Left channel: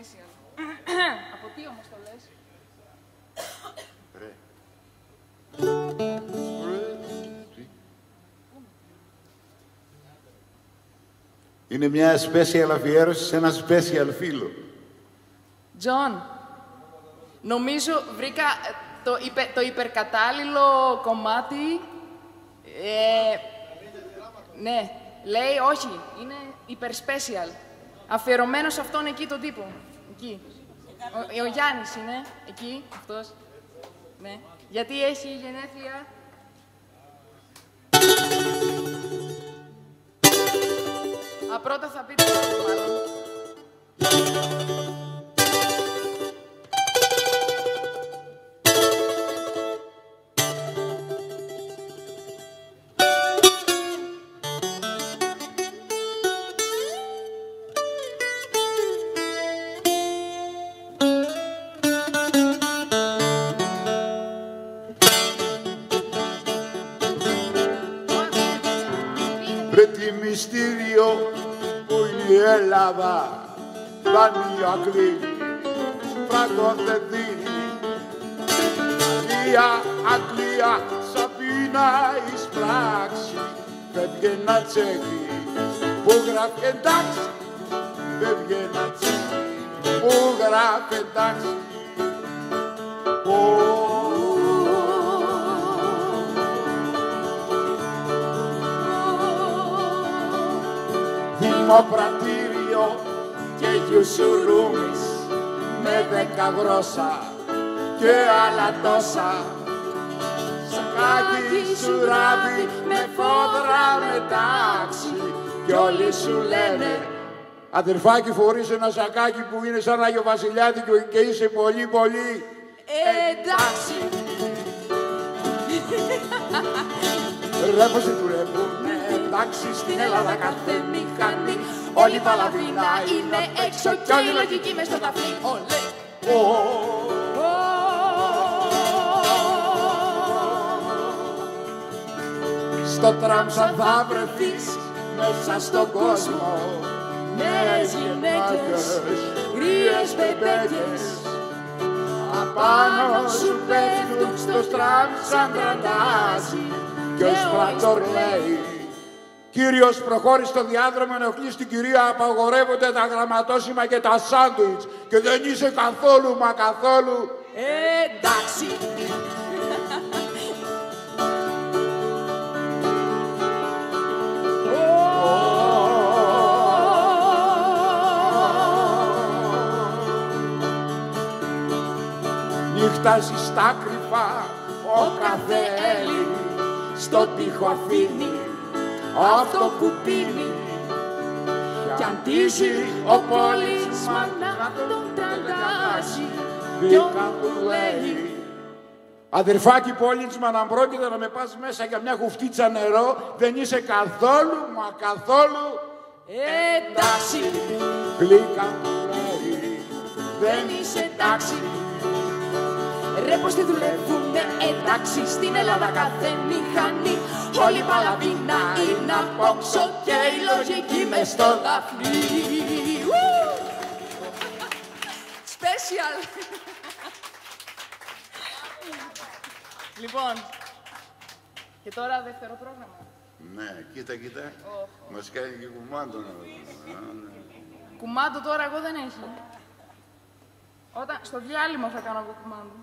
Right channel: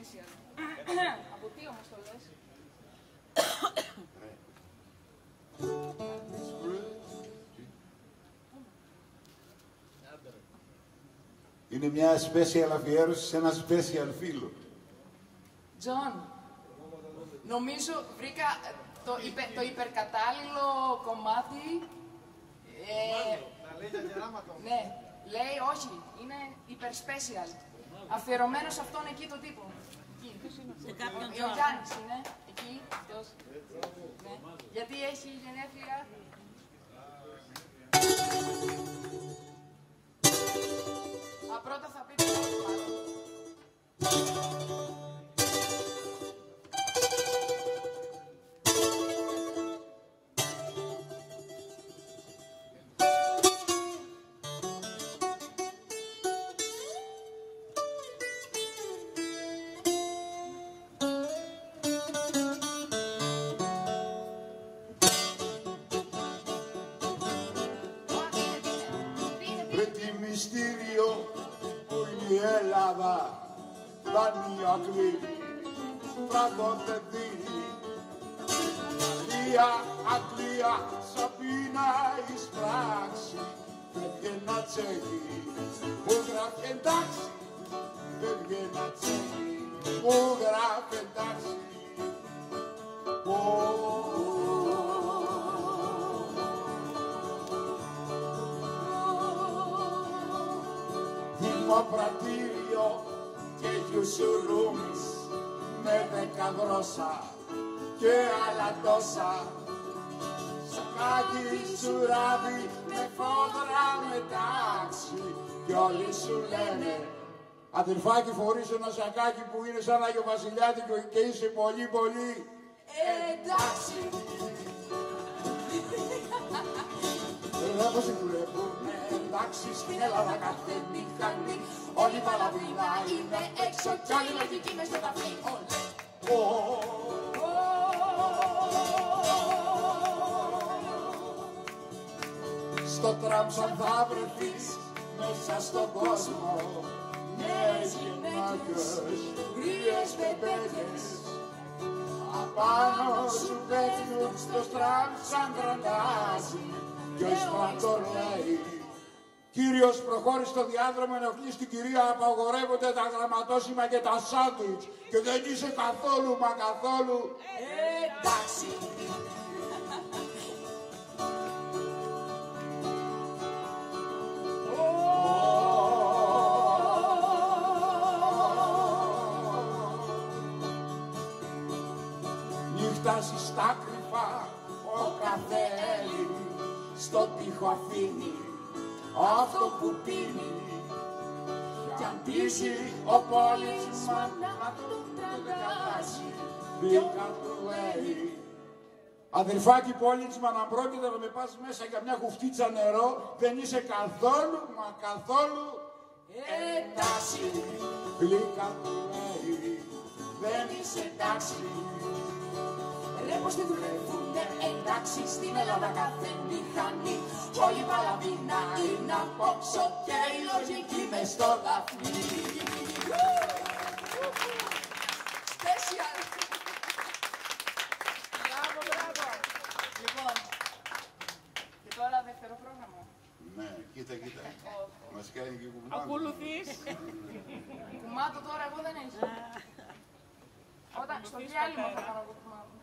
special. Από τι όμως το λες? Είναι μια special αφιέρωση σε ένα special φίλο. Τζον, νομίζω βρήκα το υπερκατάλληλο κομμάτι. Ναι, λέει όχι, είναι υπερ-special. Αφιερωμένο σε αυτόν εκεί τον τύπο. Εκεί. Ο Γιάννης είναι, εκεί, αυτός. Ναι. Γιατί έχει γενέθλια. Πρώτα θα πείτε το μάλλον. Μυστήριο που είναι η Ελλάδα, δάνειο ακρίνει, φράγκο δεν δίνει. Αγγλία, Σαμπίνα εις πράξη, φεύγε ένα τσέκι που γράφει εντάξει, φεύγε ένα τσέκι που γράφει εντάξει. Δημοπρατήριο και γιουσουρούμις με 10 γρόσα και άλλα τόσα. Σακάκι σουράδι με φόδρα μετάξι κι όλοι σου λένε αδερφάκι φορείς ένα σακάκι που είναι σαν Άγιο Βασιλιάδικο και είσαι πολύ πολύ εντάξει. Ρε πως τη δουλεύουνε εντάξει στην Ελλάδα κάθε μηχανή. Όλη η Παλαβίνα είναι έξω κι όλη η λογική μες στο ταφλί. Ολέ! Στο τραμ σαν θα βρεθείς μέσα στον κόσμο, νέες γυναίκες, γρίες μπεμπέκες, απάνω σου πέφτουν στο τραμ σαν τραντάζι και ο σπράτορ λέει Κύριος προχώρησε στο διάδρομο, ενοχλείς την κυρία, απαγορεύονται τα γραμματόσημα και τα σάντουιτς και δεν είσαι καθόλου μα καθόλου εντάξει. Νύχταζε στα κρυφά ο κάθε Έλλη, στον τοίχο αφήνει αυτό που πίνει κι αντίζει ο πόλισμαν να τον τεντάζει κι όπου λέει αδερφάκι Πόλιντσμαν, αν πρόκειται να με πας μέσα για μια χουφτίτσα νερό δεν είσαι καθόλου μα καθόλου εντάξει. Γλύκα του λέει δεν είσαι εντάξει. Ρε πως τι δουλεύουνε εντάξει στην Ελλάδα κάθε μηχανή. Όλη η Παλαβίνα είναι απόξω και η λογική μες στο δαφνί. Special! Λοιπόν, και τώρα δεύτερο πρόγραμμα. Ναι, κοίτα. Μας κάνει και κουμάντο. Κουμάντο τώρα εγώ δεν έχει. Στο διάλειμμα θα κάνω εγώ κουμάντο.